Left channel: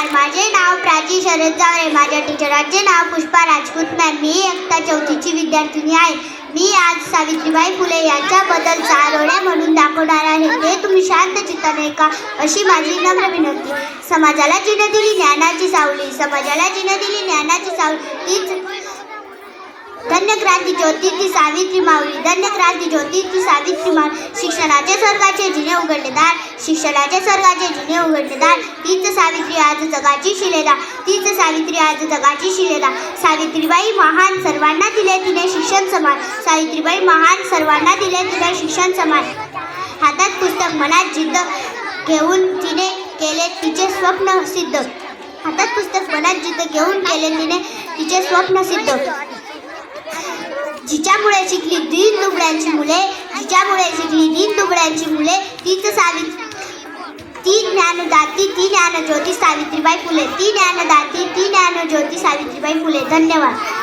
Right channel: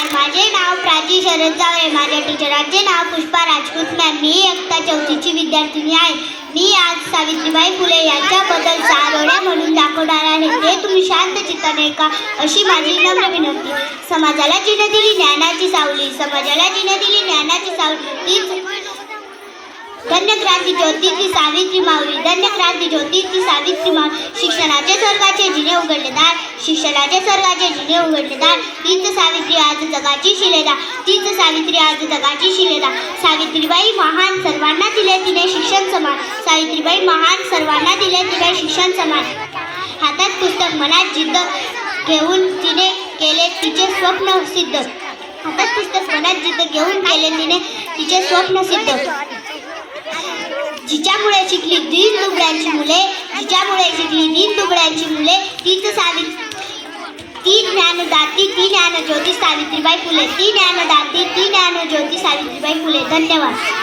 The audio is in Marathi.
नमस्कार, माझे नाव प्राची शरद जावरे. माझ्या टीचरांचे नाव पुष्पा राजपूत मॅम. मी इयत्ता 4ची विद्यार्थिनी आहे. मी आज सावित्रीबाई फुले यांच्याबद्दल 6 ओळ्या म्हणून दाखवणार आहे. ते तुम्ही शांत चित्ताने ऐका अशी माझी नम्र विनंती. समाजाला जिने दिली ज्ञानाची सावली, समाजाला जिने दिली ज्ञानाची सावली, तीच धन्य क्रांती ज्योती ती सावित्री माऊली. धन्य क्रांती ज्योती ती सावित्री माऊली. शिक्षणाचे स्वर्गाचे जिने उघडले दार, शिक्षणाचे स्वर्गाचे जिने उघडले दार, तीच सावित्री आज जगाची शिलेदार, तीच सावित्री आज जगाची शिलेदार. सावित्रीबाई महान, सर्वांना दिले तिने शिक्षण समान. सावित्रीबाई महान, सर्वांना दिले तिने शिक्षण समान. हातात पुस्तक मनात जिद्द घेऊन तिने केले तिचे स्वप्न सिद्ध. हातात पुस्तक मनात जिद्द घेऊन केले तिने तिचे स्वप्न सिद्ध. जिच्यामुळे शिकली दीन दुबळ्यांची मुले, जिच्यामुळे शिकली दीन दुबळ्यांची मुले, तीच सावित्री, ती ज्ञानदाती, ती ज्ञानज्योती सावित्रीबाई फुले. ती ज्ञानदाती, ती ज्ञानज्योती सावित्रीबाई फुले. धन्यवाद.